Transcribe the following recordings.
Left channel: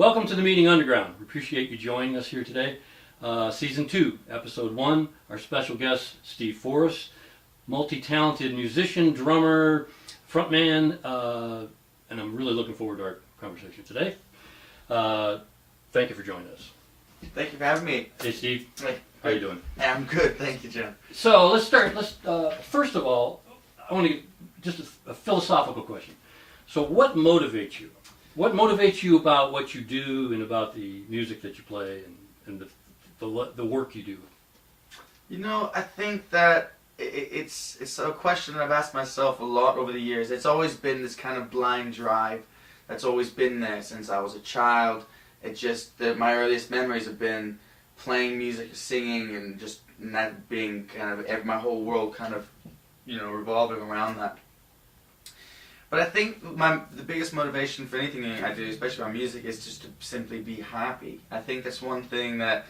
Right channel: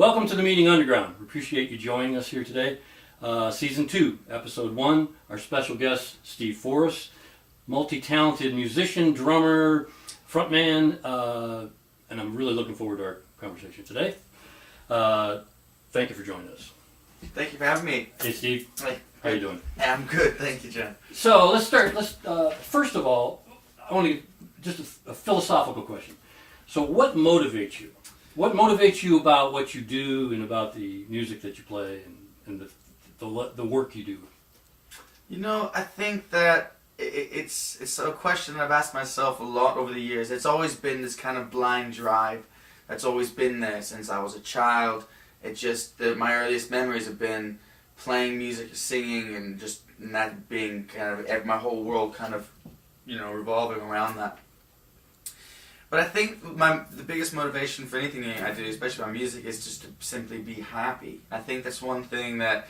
Welcome to the Meeting Underground. We appreciate you joining us here today. Season 2, Episode 1. Our special guest, Steve Forrest, multi-talented musician, drummer, frontman, and I'm really looking forward to our conversation today. Thank you for joining us. Thank you for having me. Hey, Steve. Hey. How you doing? I'm good, thank you, John. So let's start. First of all, I want to just a philosophical question. So what motivates you? What motivates you about what you do and about the music that you play and the work you do? You know, I think that it's a question that I've asked myself a lot over the years. It's always been this kind of blind drive that's always been there since I was a child. My earliest memories have been playing music, singing, and that being kind of my whole world kind of, revolving around that. But I think the biggest motivation for anything I do, especially my music, is just to simply be happy. I think that's one thing that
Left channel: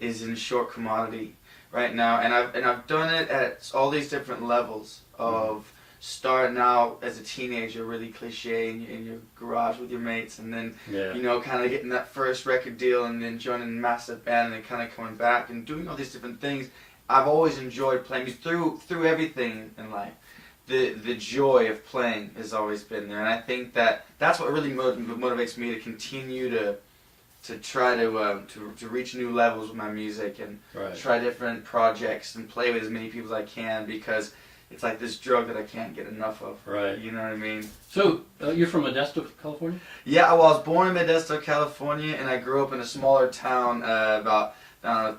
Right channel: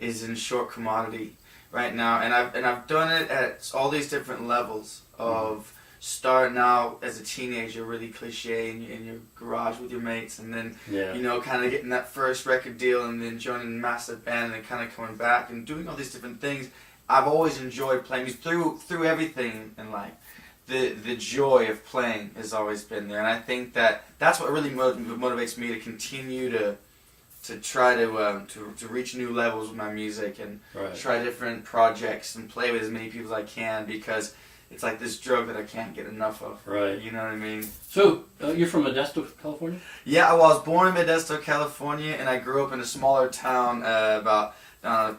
is in short commodity right now, and I've done it at all these different levels of starting out as a teenager, really cliche, in your garage with your mates, and then kind of getting that first record deal, and then joining a massive band, and then kind of coming back and doing all these different things. I've always enjoyed playing music through everything in life. The joy of playing has always been there, and I think that's what really motivates me to continue to try to reach new levels with my music and try different projects and play with as many people as I can, because it's like this drug that I can't get enough of. Right. You know what I mean? So you're from Modesto, California? Yeah, well, I was born in Modesto, California, and I grew up in a smaller town about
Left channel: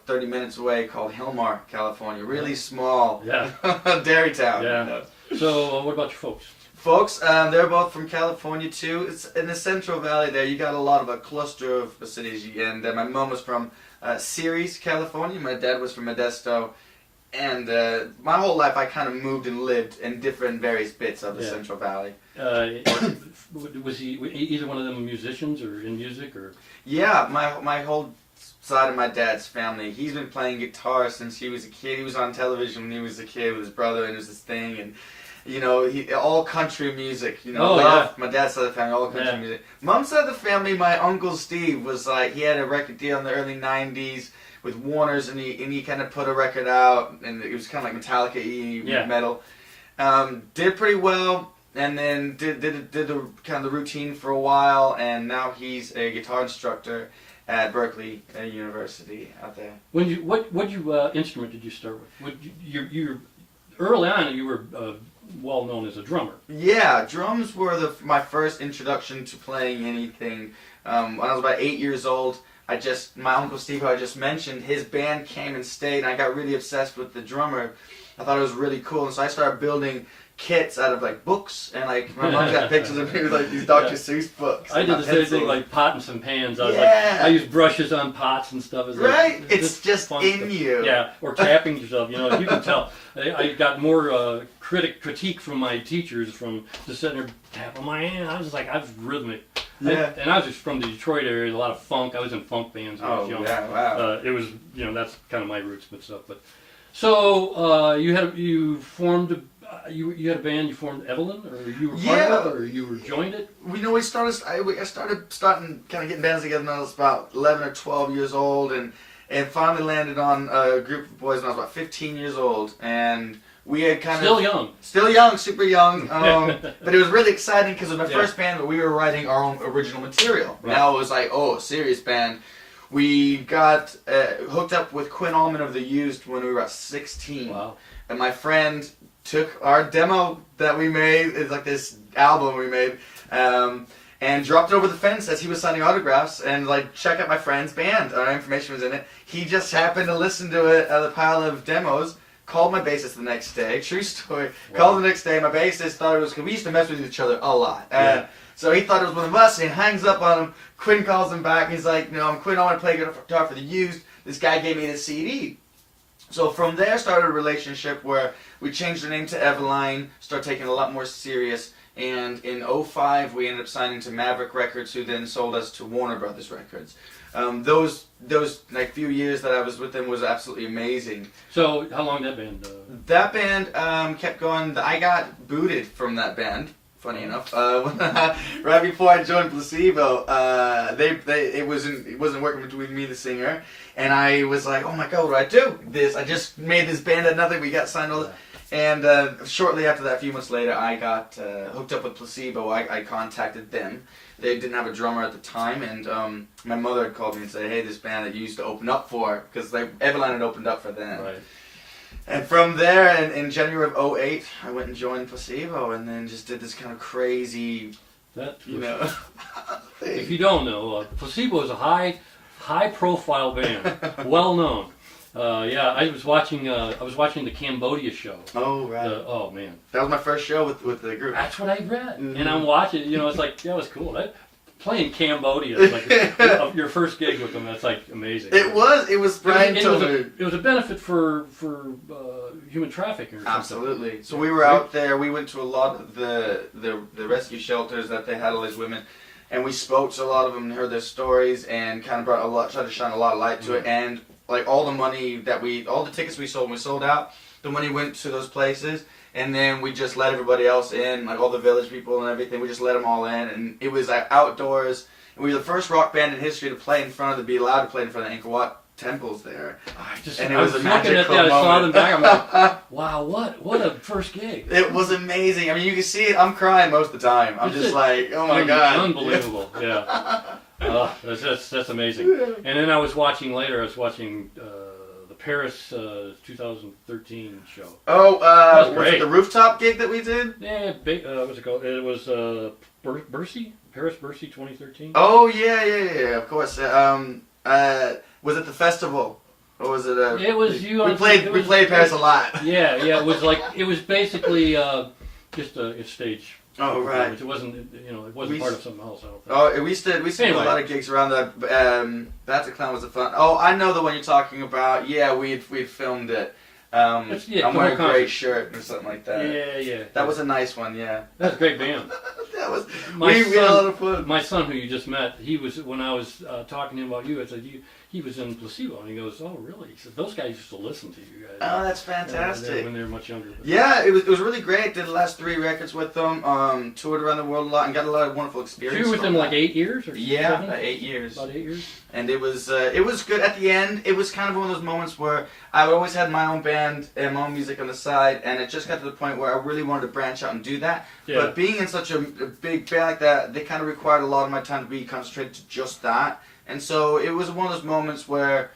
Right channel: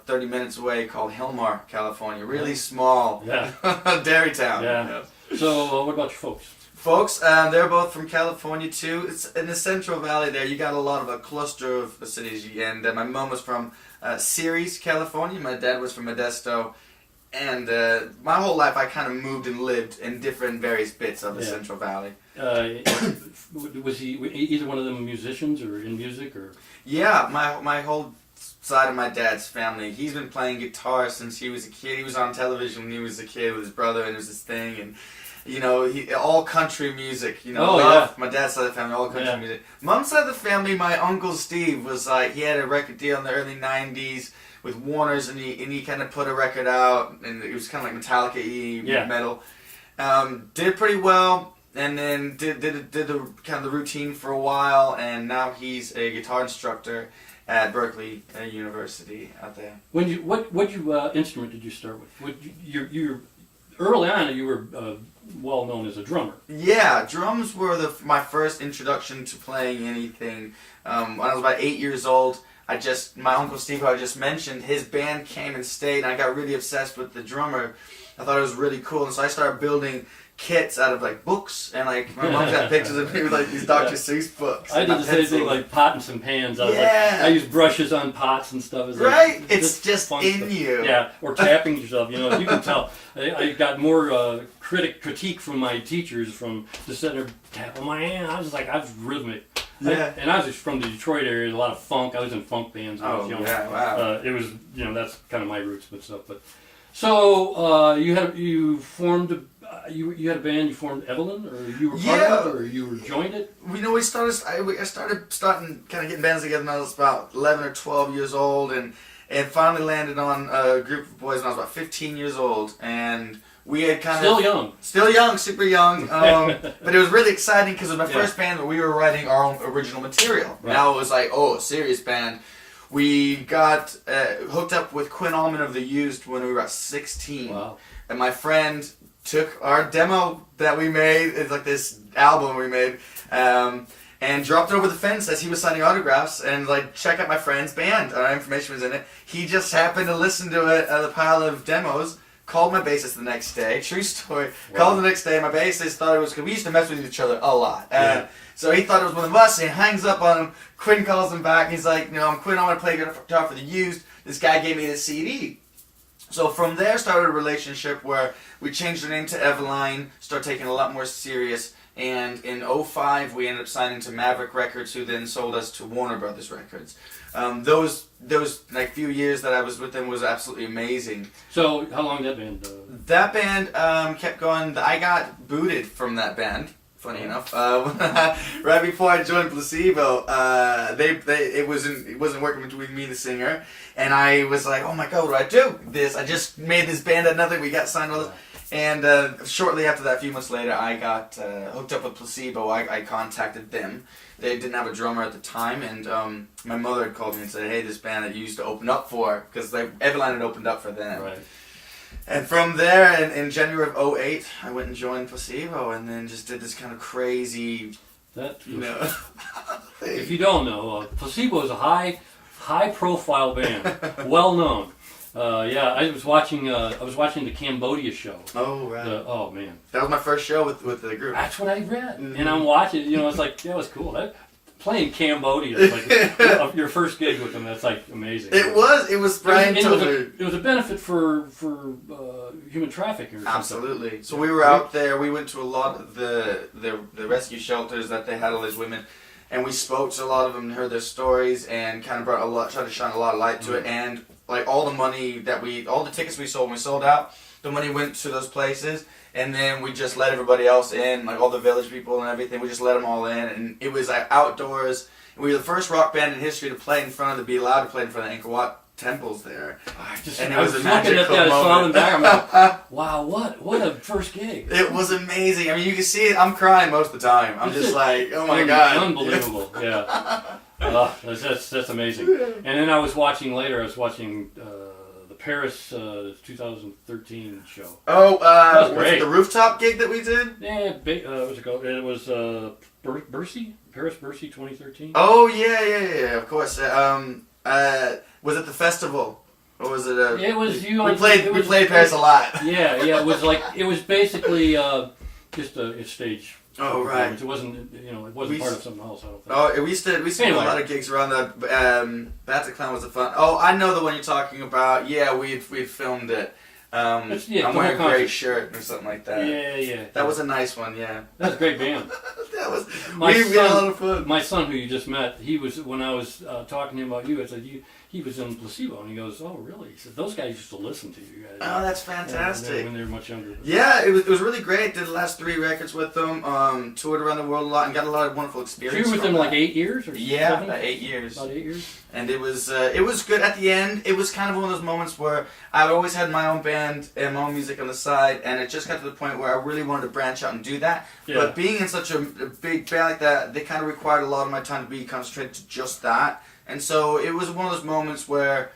30 minutes away called Hilmar, California. Really small. Yeah. Dairy town. Yeah. So what about your folks? Folks, they're both from California too. It's in the Central Valley there. You got a lot of a cluster of cities, and my mom was from Ceres, California. My dad was from Modesto, and my whole life I kind of moved and lived in different various bits of the Central Valley. Was either one of them musicians or in music or? Yeah, my whole side of my dad's family. He's been playing guitar since he was a kid. He was on television when he was a kid with his brother, and it was his thing, and all country music, my dad's side of the family, all country music. Mom's side of the family, my uncle Steve was he had a record deal in the early 90s with Warner's, and he kind of put a record out, and it was kind of like Metallica-y metal. Did pretty well, and then did the kind of the routine for a while, and now he's a guitar instructor at Berkeley University out there. What instrument did you start with? You early on, you were well known as a drummer. Yeah, drums were my first introduction to playing anything. When I was about 8 years old, my Uncle Steve, who I just mentioned, his band came and stayed, and I got really obsessed with the drummer. I thought it was really cool, and so I started building kits out of books, and my mom's got pictures of me with these Dr. Seuss books. I did the same thing, like pots and pans. I used brushes on pots and stuff. It's just in stuff. You. Yeah, or tapping yourself. You can tell. I got more critique from my teachers from just sitting there tapping my hand. I was rhythmic. Yeah. And I was just from the Detroit area. A lot of funk. I was in funk bands when I was young. Yeah, wow. It was that's kind of my roots and stuff. But so you formed. You had a band. You formed Evelyn, or you were part of it, or you were joined it. I started kind of getting bands together when I was about 11 or 12 years old, and finally landed on a group of boys when I was about 15 years old, and we had still young, super young. But it was really exciting because it was my first band, but we were writing our own original material. Right. Now it was a serious band. We got hooked up with Quinn Allman of The Used when we were about 16. Wow. And my friend took our demo that we made, it's like this album we made, and dropped it over the fence as he was signing autographs, and check out my friend's band. Our information was in it. He just happened to listen to it, the pile of demos, called my bassist the next day, true story, called the next day. My bassist thought it was, because we used to mess with each other a lot. So he thought it was one of us, and he hangs up on him. Quinn calls him back, and he's like, I'm Quinn, I want to play guitar for The Used. This guy gave me this CD. So from there started a relationship where we changed our name to Eveline, started taking it a lot more serious, and in 2005 we ended up signing to Maverick Records, who then sold us to Warner Brothers Records. Those few years that I was with them was absolutely amazing. So how long did that band? That band kept going. I got booted from that band funny enough. Right before I joined Placebo, it wasn't working with me, the singer, and I was like, oh my god, what do I do? I just made this band at nothing. We got signed all this. And shortly after that, a few months later, I got hooked up with Placebo. I contacted them. They didn't have a drummer at the time, and my mother had called me and said, hey, this band that you used to open up for, because Everline had opened up for them. Right. And from there, in January of 2008, I went and joined Placebo, and then just did this kind of crazy, If you don't know, Placebo is a high-profile band, well known. I was watching the Cambodia show. Oh, right. Oh man, that was my first show with the group. That's what I read, and I'm watching. It's like that was cool. Playing Cambodia, it's like your first gig with them. That's like amazing. It was. Brian told me it was a benefit for human trafficking. Or absolutely. Something. So we were out there. We went to a lot of the rescue shelters that they had all these women. And we spoke to a lot of them and heard their stories and kind of tried to shine a lot of light to it. And like all the money all the tickets we sold when we sold out, the money went to those places. And then we just let everybody else in, like all the village people and everything. We just let them all in. And it was like outdoors. And we were the first rock band in history to play in front to be allowed to play in front of Angkor Wat temples there. I was looking at that, I saw them back. I'm like, wow, what a first gig! It was amazing. I mean, you can see it. I'm crying most of the time. I'm just like, oh my god, unbelievable! Yeah, that's amazing. And then I was watching the Paris 2013 show. Oh, that was great. The rooftop gig that we did. Yeah, what's it called? It was Paris Bercy 2013. Oh yeah, of course. Was it the festival? Or was it a... It was you. We played Paris a lot. Yeah. It was basically just a stage. Oh right. It wasn't part of something else. I don't think. Oh, we did a lot of gigs around that. Bataclan was a fun. Oh, I know the one you're talking about. Yeah, we'd filmed it. I'm wearing a gray shirt or something like that. Yeah. That was a nice one. Yeah. That's a great band. We had a lot of fun. My son, who you just met, he was when I was talking to him about you. I said he was in Placebo, and he goes, "Oh, really?" He said, "Those guys used to listen to you guys." Oh, that's fantastic. When they were much younger. Yeah, it was really great. Did the last 3 records with them. Toured around the world a lot and got a lot of wonderful experience. You were with them like 8 years or yeah, 7? 8 years. About 8 years. And it was good at the end. It was kind of one of those moments where I always had my own band and my own music on the side, and it just got to the point where I really wanted to branch out and do that. Yeah. But being in such a big band like that, they kind of required a lot of my time to be concentrated to just that. And so it was one of those moments where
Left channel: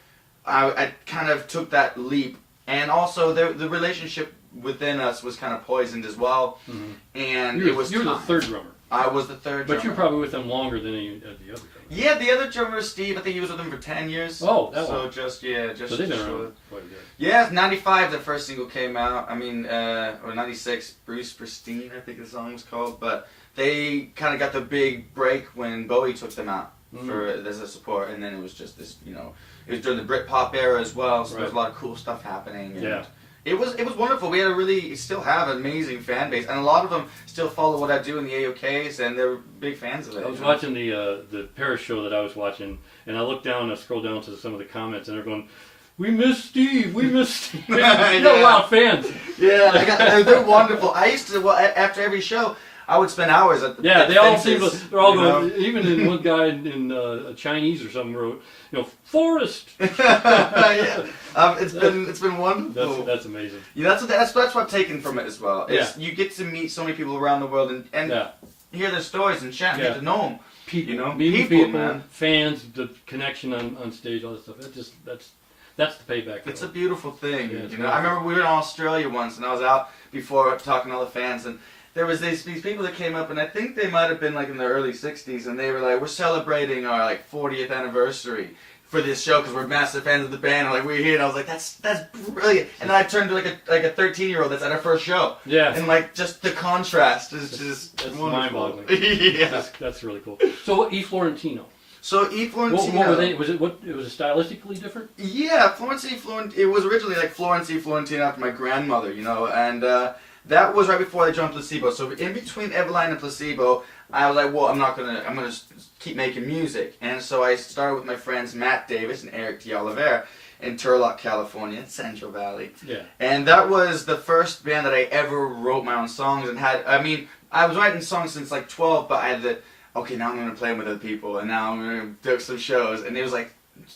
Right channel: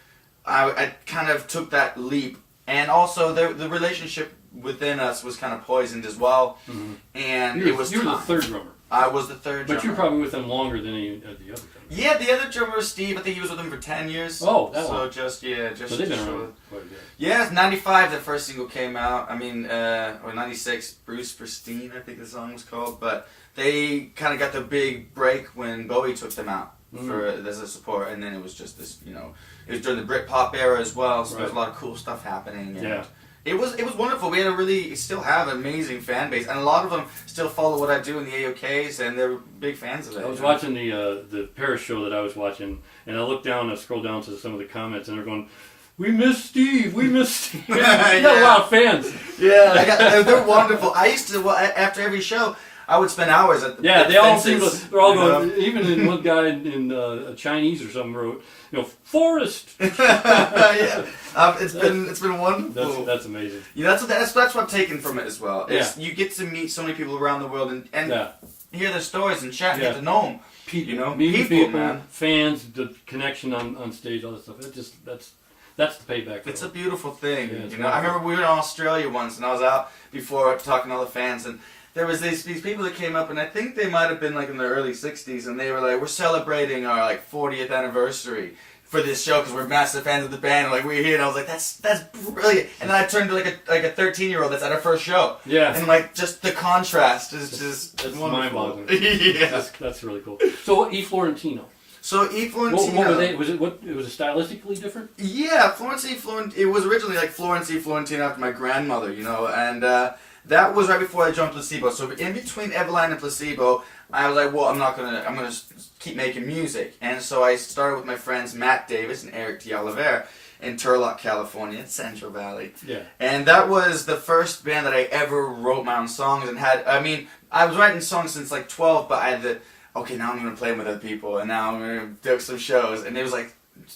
I kind of took that leap. And also the relationship within us was kind of poisoned as well. Mm-hmm. And you were the third drummer. I was the third drummer. But you were probably with them longer than any of the other drummers. Yeah, the other drummer was Steve. I think he was with them for 10 years. Oh, that so one. just So they've been around quite a bit. Yeah, 95 the first single came out. I mean, or 96, Bruce Pristine, I think the song was called. But they kind of got the big break when Bowie took them out as a support. And then it was just this, it was during the Britpop era as well. So there was a lot of cool stuff happening. And yeah. It was wonderful. We had still have an amazing fan base, and a lot of them still follow what I do in the AOKs, and they're big fans of it. I was watching the Paris show that I was watching, and I looked down, I scrolled down to some of the comments, and they're going, "We miss Steve, we miss Steve." You got a lot of fans. Yeah, they're wonderful. I used to, after every show, I would spend hours at the they all seem to, they're all going, even in one guy in Chinese or something wrote, Forrest. Yeah, it's been wonderful. That's amazing. Yeah, that's what I've taken from it as well. You get to meet so many people around the world and hear their stories and chat and get to know them. People, man. Fans, the connection on stage, all that stuff. That's the payback. It's a beautiful thing. Yeah, I remember we were in Australia once, and I was out before talking to all the fans, and there was these people that came up, and I think they might have been like in their early 60s, and they were like, "We're celebrating our like 40th anniversary for this show because we're massive fans of the band." And like we're here, and I was like, "That's brilliant." And then I turned to like a 13-year-old that's at our first show. Yeah. And like just the contrast is just mind-boggling. Yeah. That's really cool. So E Florentino. So E Florentino. What were they? Was it stylistically different? Yeah, it was originally like Florence E Florentino after my grandmother, and. That was right before I joined Placebo. So in between Everline and Placebo, I was like, well, I'm gonna keep making music. And so I started with my friends Matt Davis and Eric D'Oliveira. in Turlock, California, Central Valley. Yeah. And that was the first band that I ever wrote my own songs and had. I mean, I was writing songs since like 12, but I had the now I'm gonna play them with other people, and now I'm gonna do some shows. And it was like,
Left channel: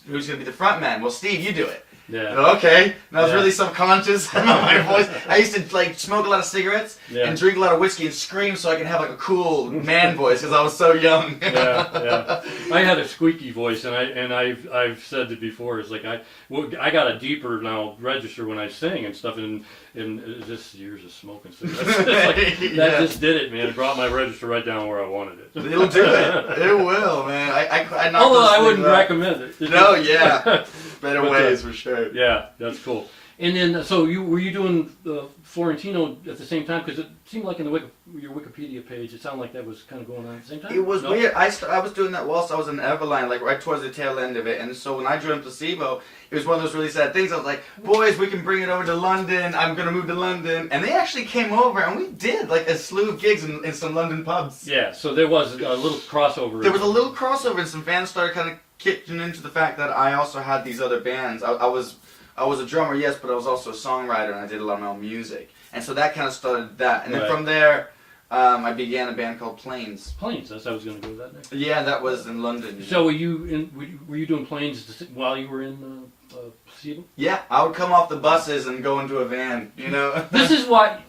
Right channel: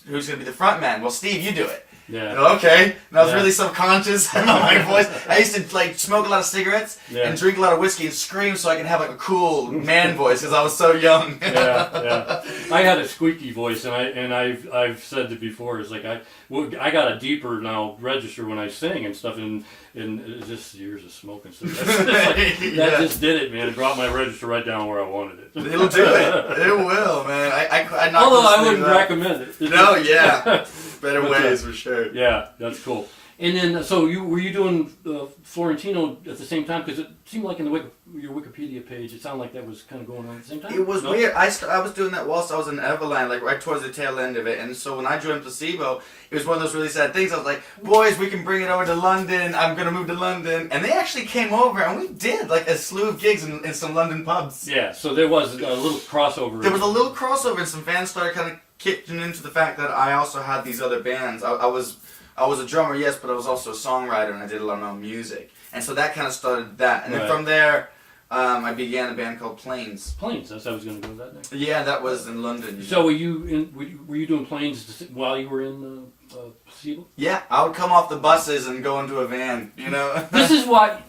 who's gonna be the front man? Well, Steve, you do it. Yeah. Okay. And I was really subconscious of my voice. I used to like smoke a lot of cigarettes and drink a lot of whiskey and scream so I could have like a cool man voice because I was so young. Yeah. I had a squeaky voice, and I've said it before. It's like I got a deeper now register when I sing and stuff, and it's just years of smoking cigarettes. That just did it, man. It brought my register right down where I wanted it. It'll do it. It will, man. I Although I wouldn't recommend it. No, yeah. Better ways for sure. Yeah, that's cool. And then, so were you doing Florentino at the same time? Because it seemed like in your Wikipedia page, it sounded like that was kind of going on at the same time. It was weird. I was doing that whilst I was in Everline, like right towards the tail end of it. And so when I joined Placebo, it was one of those really sad things. I was like, boys, we can bring it over to London. I'm going to move to London. And they actually came over, and we did like a slew of gigs in some London pubs. Yeah, so there was a little crossover. There was a little crossover, and some fans started kind of kicking into the fact that I also had these other bands. I was a drummer, yes, but I was also a songwriter, and I did a lot of my own music. And so that kind of started that. And then from there, I began a band called Planes. Planes, that's how I was going to go with that next. Yeah, that was in London. So were you doing Planes while you were in Placebo? Yeah, I would come off the buses and go into a van, you know? This is why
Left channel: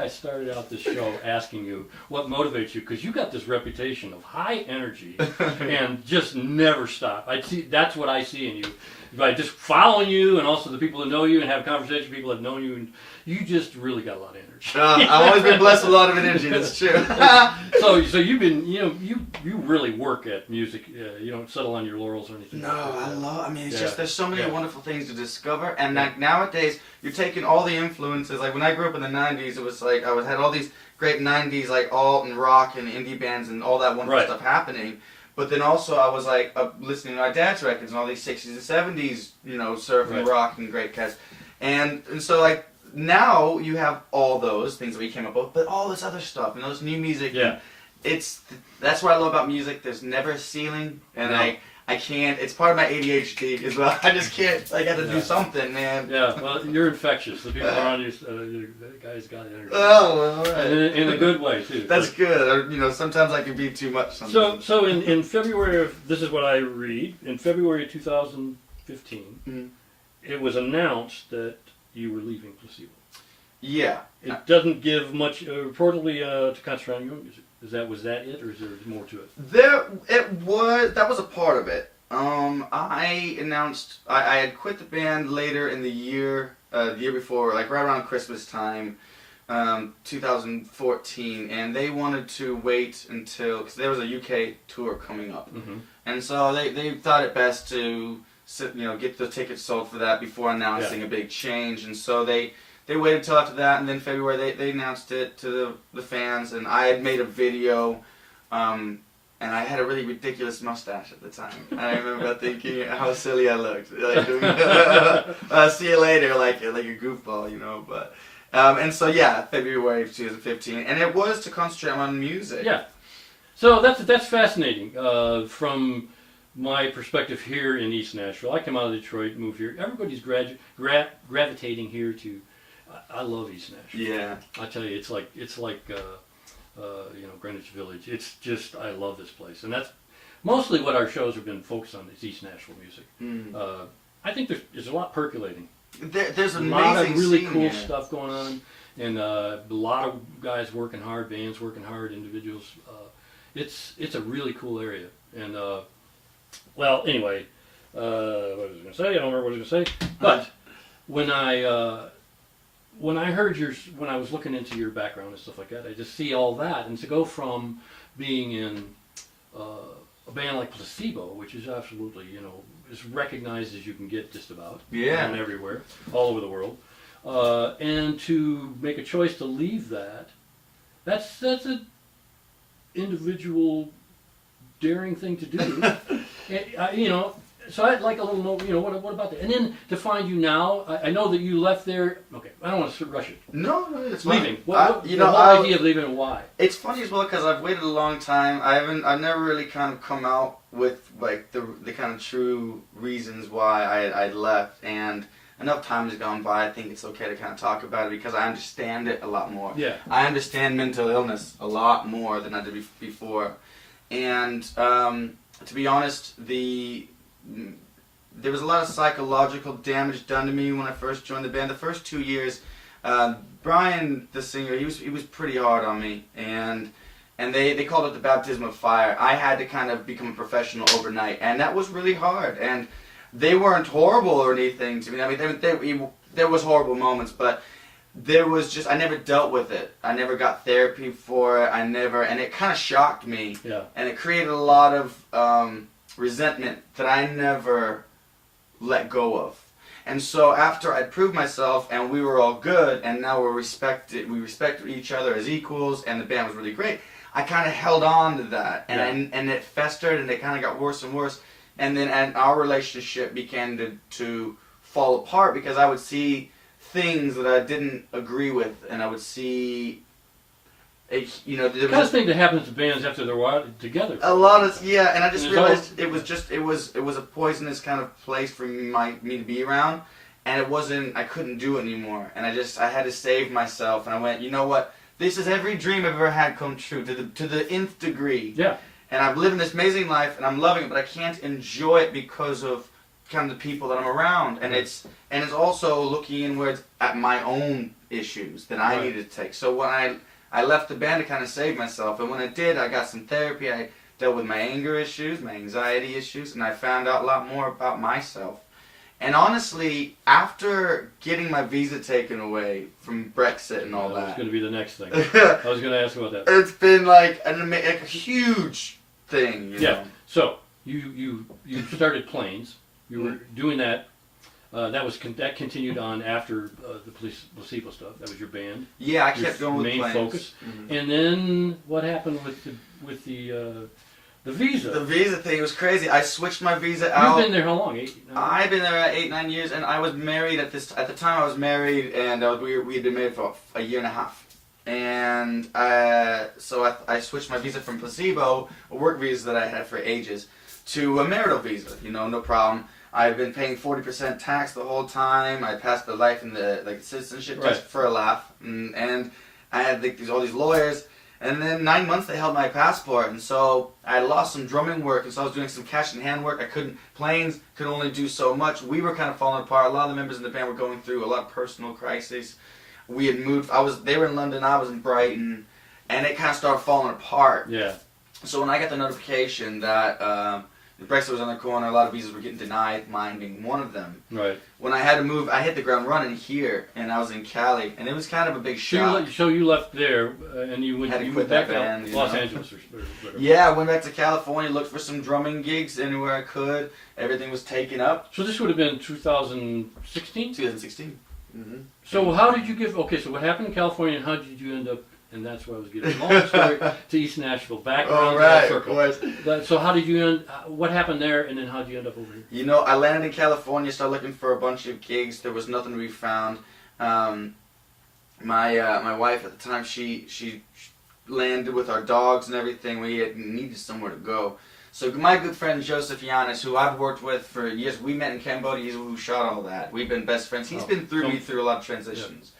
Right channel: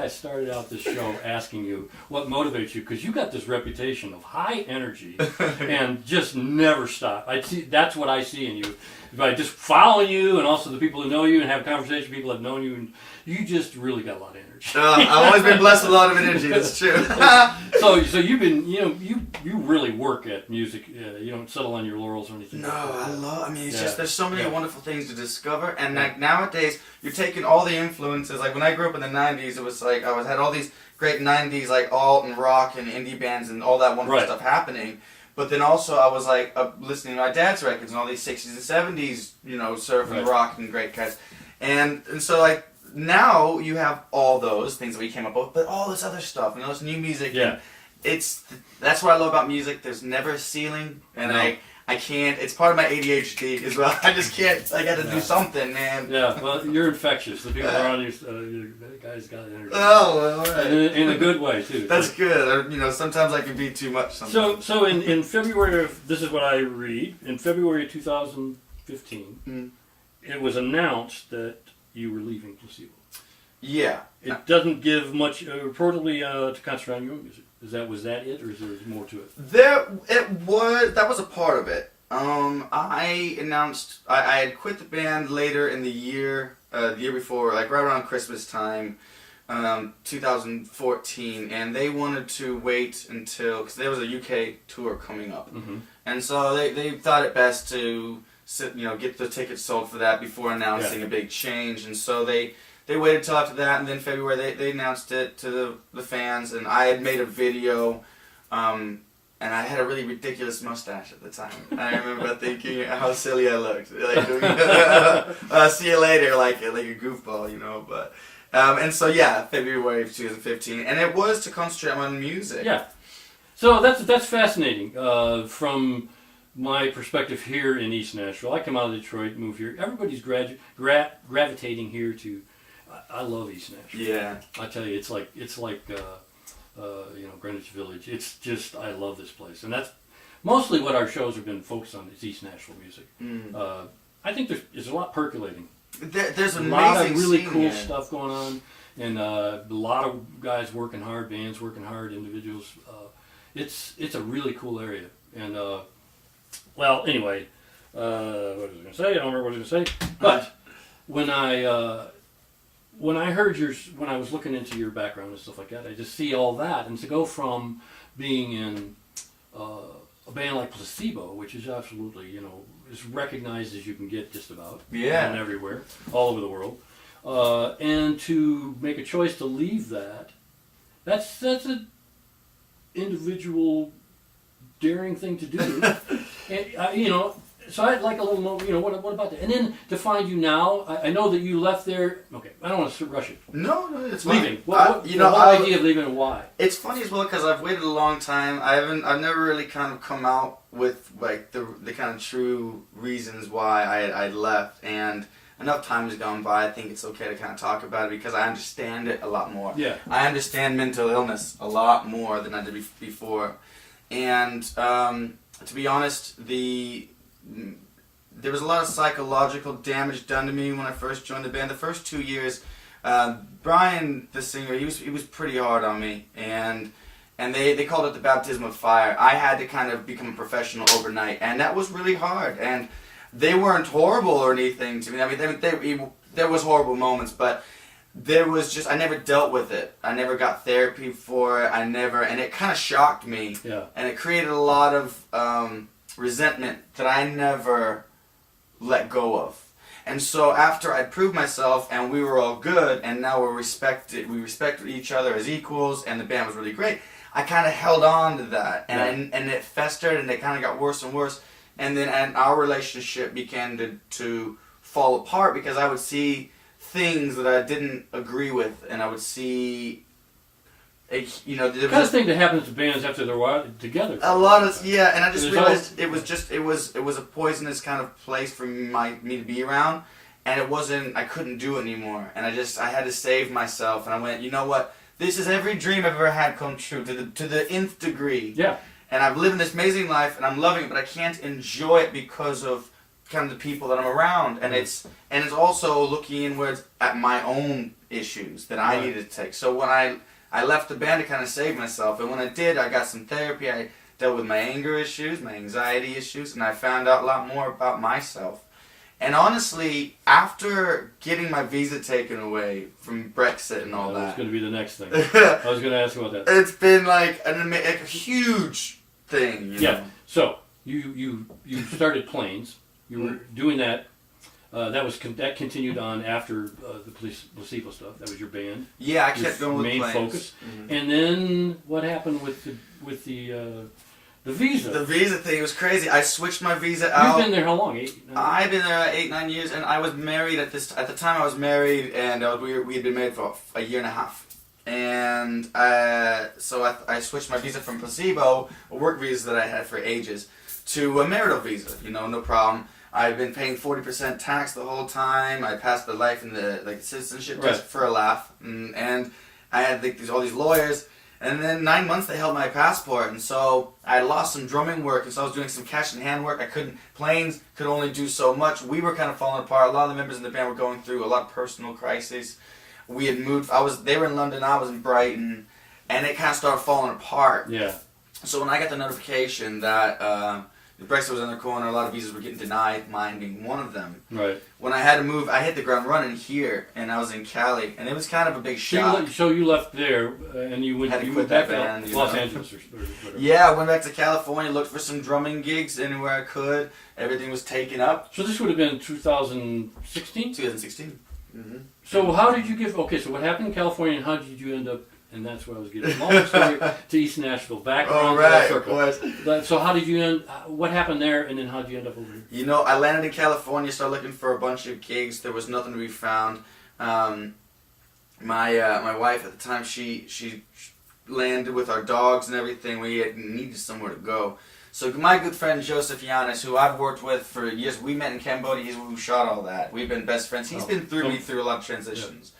I started out this show asking you what motivates you, because you got this reputation of high energy and just never stop. That's what I see in you. By just following you, and also the people who know you and have conversations with people that have known you, and you just really got a lot of energy. I've always been blessed with a lot of energy. That's true. so you've been, you really work at music. You don't settle on your laurels or anything. No, I mean, it's just there's so many wonderful things to discover, and like nowadays you're taking all the influences. Like when I grew up in the '90s, it was like I had all these great '90s like alt and rock and indie bands and all that wonderful stuff happening. But then also I was like listening to my dad's records and all these 60s and 70s, surf and rock and great cats. And so like now you have all those things that we came up with, but all this other stuff and all this new music. Yeah. That's what I love about music. There's never a ceiling, and I can't. It's part of my ADHD as well. I just can't. I got to do something, man. Yeah, well, you're infectious. The people around you, that guy's got energy. Oh, all right. In a good way too. That's good. Sometimes I can be too much. Sometimes. So in February this is what I read. In February of 2015, it was announced that you were leaving Placebo. Yeah. It doesn't give much reportedly to concentrate on your own music. Was that it, or is there more to it? That was a part of it. I announced I had quit the band later in the year before, like right around Christmas time, 2014, and they wanted to wait until, because there was a UK tour coming up, and so they thought it best to get the tickets sold for that before announcing a big change, and so they waited till after that, and then February they announced it to the fans, and I had made a video, and I had a really ridiculous mustache at the time. I remember thinking how silly I looked, like doing, see you later, like a goofball, But and so February of 2015, and it was to concentrate on music. Yeah, so that's fascinating from my perspective here in East Nashville. I come out of Detroit, moved here. Everybody's gravitating here to. I love East Nashville. Yeah, I tell you, it's like Greenwich Village. It's just, I love this place, and that's mostly what our shows have been focused on. Is East Nashville music. I think there's a lot perculating. There's a lot of really cool stuff going on, and a lot of guys working hard, bands working hard, individuals. It's a really cool area, and anyway, what was I going to say? I don't remember what I was going to say, but when I heard when I was looking into your background and stuff like that, I just see all that, and to go from being in a band like Placebo, which is absolutely, as recognized as you can get just about, and everywhere, all over the world, and to make a choice to leave that's an individual daring thing to do. And, So I'd like a little more, what about that? And then to find you now, I know that you left there. Okay, I don't want to rush it. No, it's leaving. Fine. The whole idea of leaving and why? It's funny as well because I've waited a long time. I've never really kind of come out with like the kind of true reasons why I left, and enough time has gone by. I think it's okay to kind of talk about it because I understand it a lot more. Yeah. I understand mental illness a lot more than I did before, and to be honest, there was a lot of psychological damage done to me when I first joined the band. The first 2 years, Brian, the singer, he was pretty hard on me, and they called it the baptism of fire. I had to kind of become a professional overnight, and that was really hard. And they weren't horrible or anything to me. I mean, there was horrible moments, but there was just, I never dealt with it. I never got therapy for it. and it kind of shocked me. Yeah. And it created a lot of resentment that I never let go of. And so after I'd proved myself and we were all good and now we respected each other as equals and the band was really great, I kind of held on to that and it festered and it kind of got worse and worse. And then our relationship began to fall apart because I would see things that I didn't agree with, and I would see, the kind of thing that happens to bands after they're together. A lot of and I just realized it was a poisonous kind of place for me to be around, and I couldn't do it anymore, and I had to save myself, and I went, you know what? This is every dream I've ever had come true to the nth degree. Yeah. And I'm living this amazing life, and I'm loving it, but I can't enjoy it because of kind of the people that I'm around, and it's also looking inwards at my own issues that I needed to take. So when I left the band to kind of save myself, and when I did, I got some therapy. I dealt with my anger issues, my anxiety issues, and I found out a lot more about myself. And honestly, after getting my visa taken away from Brexit and all that, was going to be the next thing. I was going to ask about that. It's been like a huge thing. You know? So you started Planes. You were doing that. That continued on after the Placebo stuff. That was your band. Yeah, I kept going with main Planes. Focus. Mm-hmm. And then what happened with the visa? The visa thing was crazy. I switched my visa out. You've been there how long? 8, 9 I've been there 8, 9 years, and I was married at the time. I was married, and we had been married for a year and a half. And so I switched my visa from Placebo, a work visa that I had for ages, to a marital visa. No problem. I've been paying 40% tax the whole time. I passed the life in the citizenship test for a laugh, and I had all these lawyers. And then 9 months they held my passport, and so I lost some drumming work, and so I was doing some cash and hand work. Planes could only do so much. We were kind of falling apart. A lot of the members in the band were going through a lot of personal crises. We had moved. They were in London. I was in Brighton, and it kind of started falling apart. Yeah. So when I got the notification that the Brexit was on the corner, a lot of visas were getting denied, mine being one of them. Right. When I had to move, I hit the ground running here, and I was in Cali, and it was kind of a big shock. So you left there, and you went back band, to Los Angeles or whatever. Yeah, I went back to California, looked for some drumming gigs anywhere I could. Everything was taken up. So this would have been 2016? 2016. Mm-hmm. So how did you so what happened in California, and how did you end up, and that's where I was getting long story, to East Nashville, back around the circle. So how did you what happened there, and then how did you end up over here? I landed in California, started looking for a bunch of gigs. There was nothing to be found. My wife at the time, she landed with our dogs and everything. We needed somewhere to go. So my good friend Joseph Yanis, who I've worked with for years, we met in Cambodia. He's who shot all that. We've been best friends. He's been through me through a lot of transitions.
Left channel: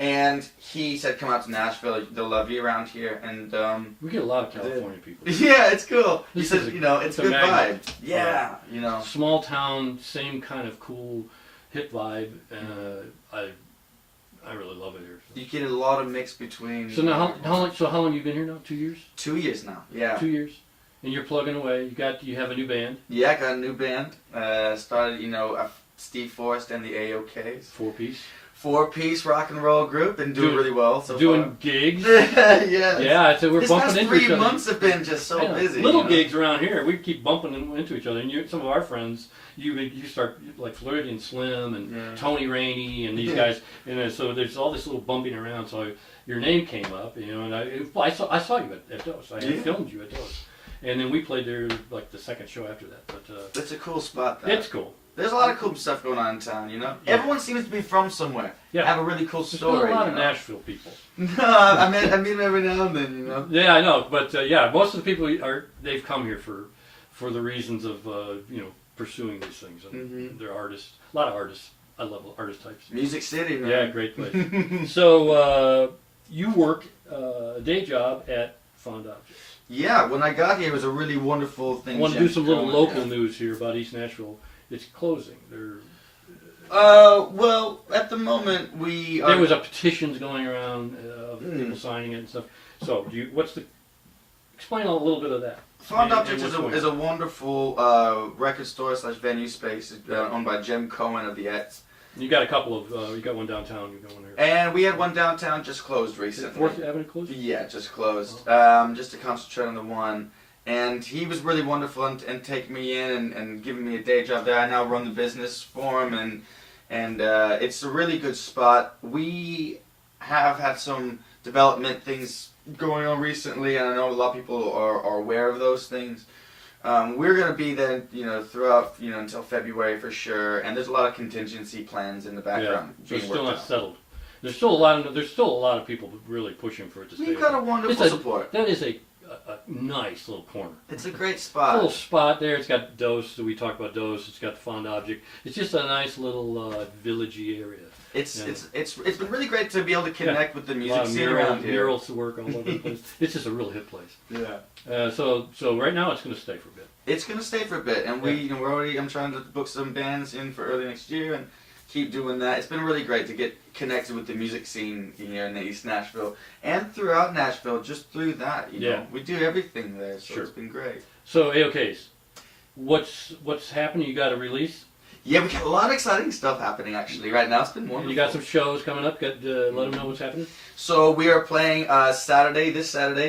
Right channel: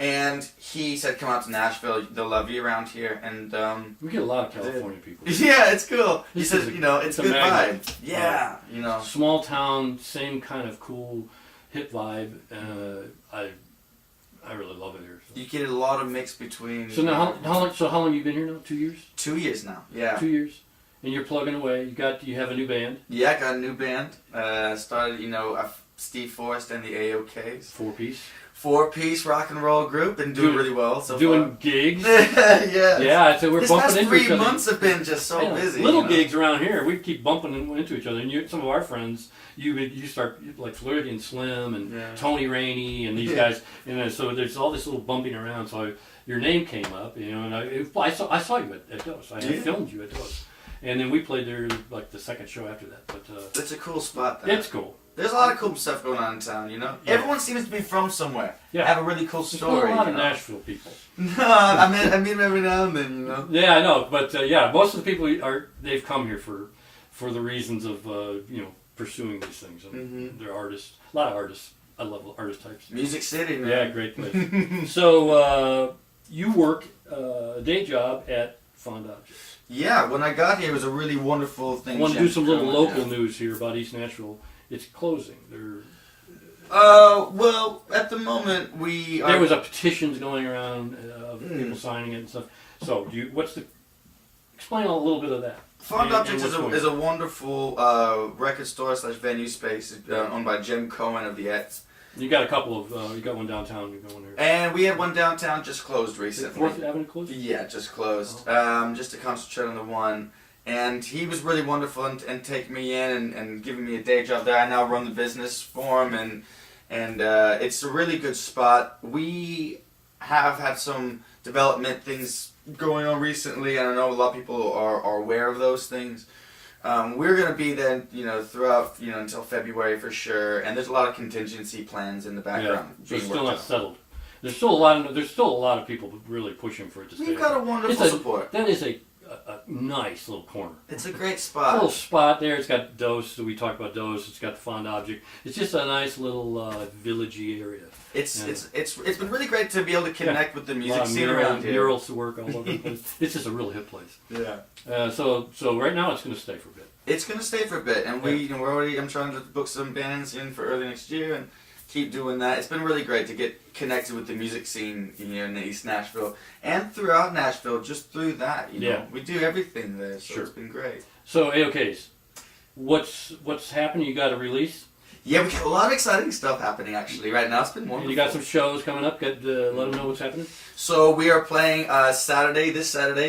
Yeah. And he said, come out to Nashville. They'll love you around here. And we get a lot of California people. Yeah, it's cool. He says, it's a good magnet. vibe. Yeah, Small town, same kind of cool hip vibe. I really love it here. So. You get a lot of mix between. So now, how long have you been here now? 2 years? 2 years now. Yeah. 2 years. And you're plugging away. You have a new band. Yeah, I got a new band. Started, Steve Forrest and the AOKs. 4-piece. 4-piece rock and roll group, and doing really well so doing far. Gigs. Yeah. Yeah, so we're bumping into each other. 3 months have been just so busy. Little gigs around here. We keep bumping into each other. And some of our friends, you start like Floridian Slim and Tony Rainey and these guys. So there's all this little bumping around. So your name came up, and I saw you at Dose. I had filmed you at Dose. and then we played there like the second show after that. But It's a cool spot, though. it's cool. There's a lot of cool stuff going on in town, you know? Yeah. Everyone seems to be from somewhere. Yeah. Have a really cool There's story. still a lot you of know? Nashville people. No, I meet them every now and then, you know? Yeah, I know, but yeah, most of the people they've come here for the reasons of pursuing these things. And they're artists, a lot of artists. I love artist types. Music City, man. Yeah, great place. So you work a day job at Fond Objects. Yeah, when I got here, it was a really wonderful thing. I want to do some little going, local news here about East Nashville. It's closing. Well, at the moment There was a petitions going around of people signing it and stuff. So, explain a little bit of that. Fond Objects is a wonderful record store / venue space owned by Jim Cohen of the Ets. You got a couple of. You got one downtown. You got one here. And we had one downtown just closed recently. 4th Avenue closed? Yeah, just closed. Oh. Just to concentrate on the one. And he was really wonderful and taking me in and giving me a day job there. I now run the business for him, and it's a really good spot. We have had some development things going on recently, and I know a lot of people are aware of those things. We're going to be there, throughout, until February for sure. And there's a lot of contingency plans in the background. Yeah, so it's still not settled. There's still a lot of people really pushing for it to stay. We've got a wonderful support. That is a nice little corner. It's a great It's spot. a little spot there. It's got Dose. We talked about Dose. It's got the Fond Object. It's just a nice little villagey area. It's been really great to be able to connect with the music scene around here. Murals to work all over the place. It's just a real hip place. Yeah. So right now it's going to stay for a bit. It's going to stay for a bit, and I'm trying to book some bands in for early next year and keep doing that. It's been really great to get connected with the music scene here in East Nashville and throughout Nashville. Just through that, we do everything there, so It's been great. So AOKs, what's happening? You got a release? Yeah, we got a lot of exciting stuff happening actually right now. It's been wonderful. You got some shows coming up. Let them know what's happening. So we are playing this Saturday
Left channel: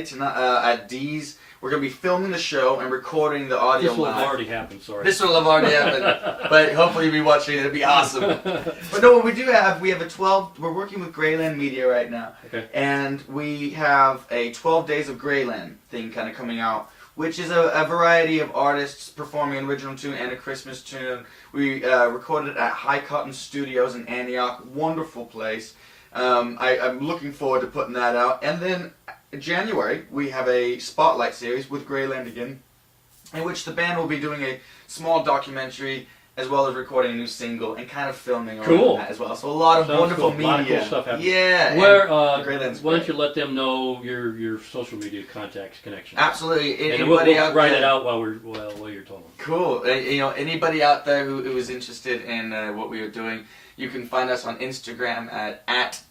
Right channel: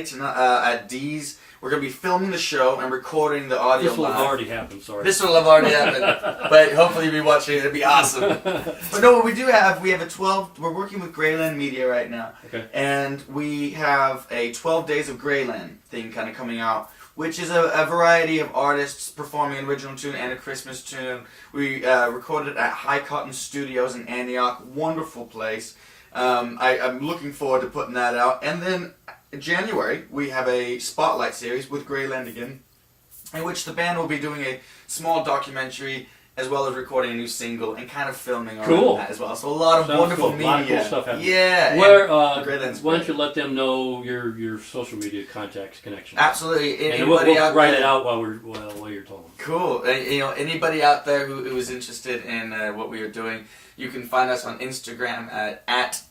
tonight at D's. We're going to be filming the show and recording the audio. This will have already happened. Sorry. This will have already happened, but hopefully you'll be watching it. It'll be awesome. But no, what we do have, we have a 12. We're working with Greyland Media right now, and we have a 12 Days of Greyland thing kind of coming out, which is a variety of artists performing an original tune and a Christmas tune. We recorded at High Cotton Studios in Antioch. Wonderful place. I'm looking forward to putting that out. And then in January, we have a spotlight series with Greyland again, in which the band will be doing a small documentary as well as recording a new single and kind of filming on that as well. So a lot of wonderful media. A lot of cool stuff happening. Yeah. Why don't you let them know your social media contacts, connections? Absolutely. And we'll write it out while you're talking. Cool. Anybody out there who is interested in what we are doing, you can find us on Instagram at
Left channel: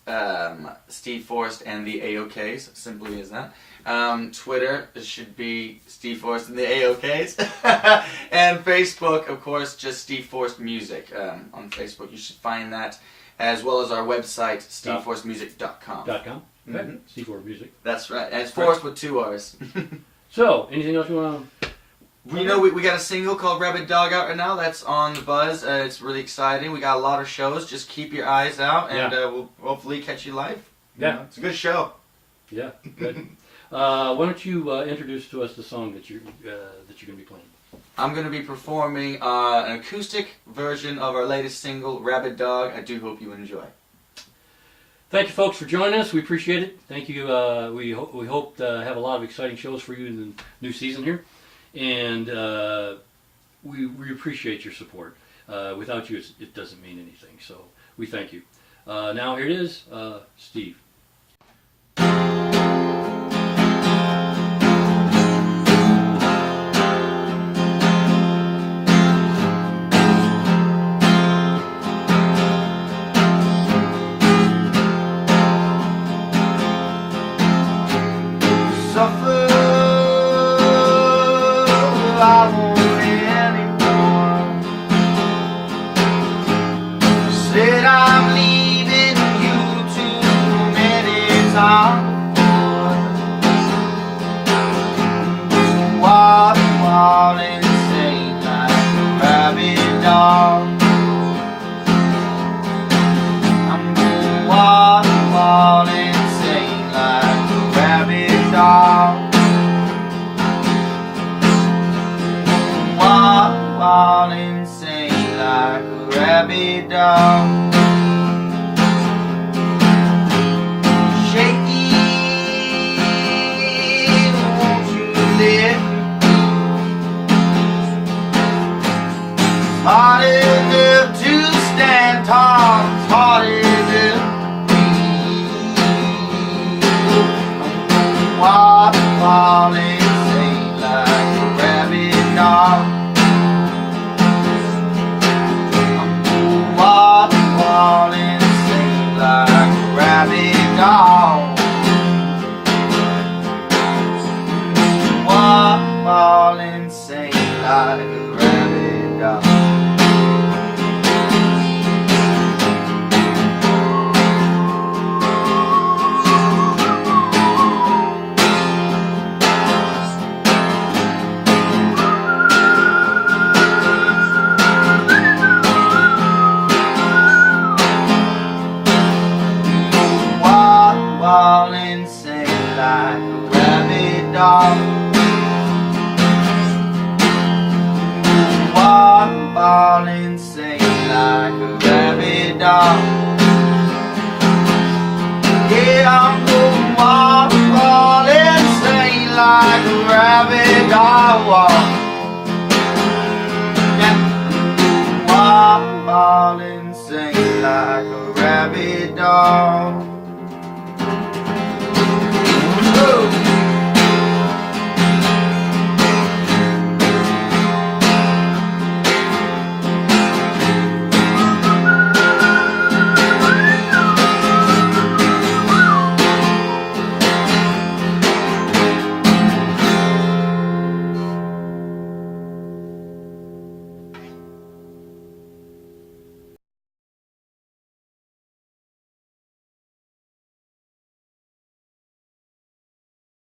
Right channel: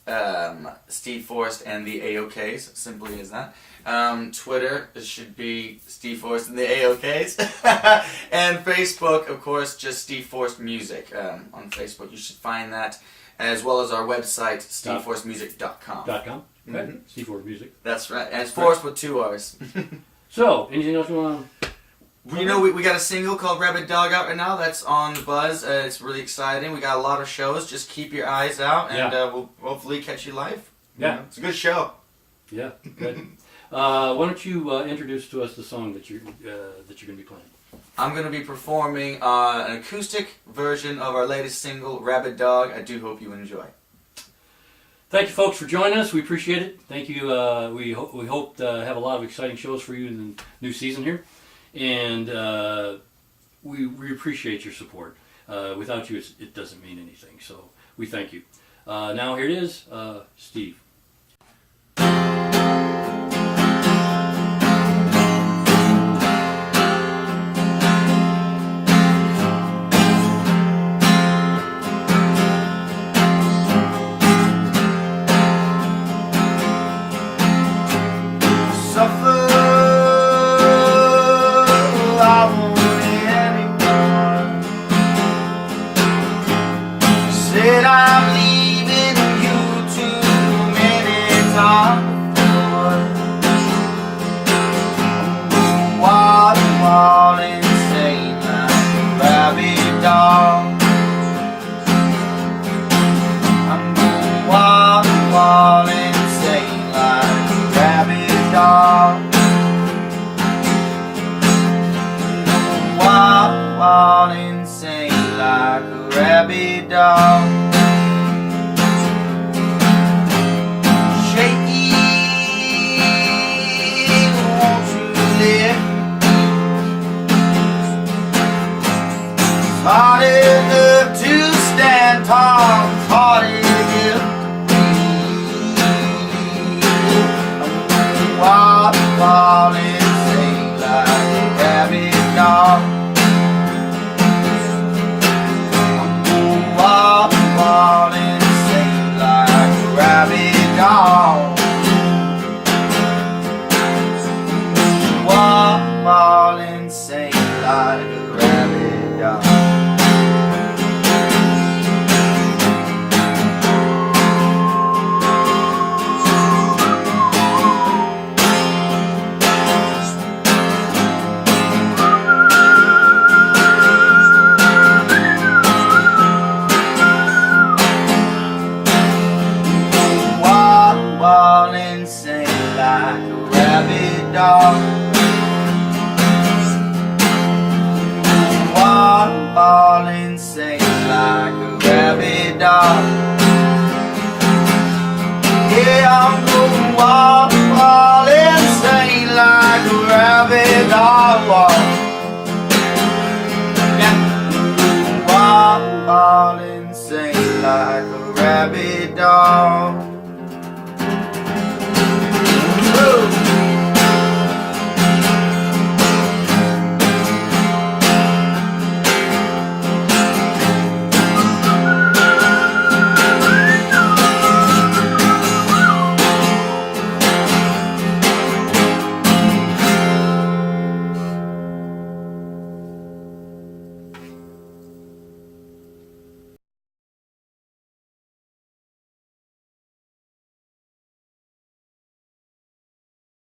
Steve Forrest and the AOKs, simply as that. Twitter, it should be Steve Forrest and the AOKs. And Facebook, of course, just Steve Forrest Music on Facebook. You should find that, as well as our website, steveforrestmusic.com. .com? Okay. Steve Forrest Music. That's right. And it's Forrest with 2 R's. So, anything else you want to... We got a single called Rabid Dog out right now. That's on the buzz. It's really exciting. We got a lot of shows. Just keep your eyes out, and we'll hopefully catch you live. Yeah. It's a good show. Yeah, good. Why don't you introduce to us the song that you're going to be playing? I'm going to be performing an acoustic version of our latest single, Rabid Dog. I do hope you enjoy. Thank you, folks, for joining us. We appreciate it. Thank you. We hope to have a lot of exciting shows for you in the new season here. And we appreciate your support. Without you, it doesn't mean anything. So we thank you. Now here it is, Steve. I'm leaving you too many times before. Wild, insane like a rabid dog. I'm going wild, insane like a rabid dog. all insane like a rabid dog. All insane like a rabid dog. All insane like a rabid dog. All insane like a rabid dog. All insane like a rabid dog. Yeah, I'm going all insane like a rabid dog. Yeah, all insane like a rabid dog.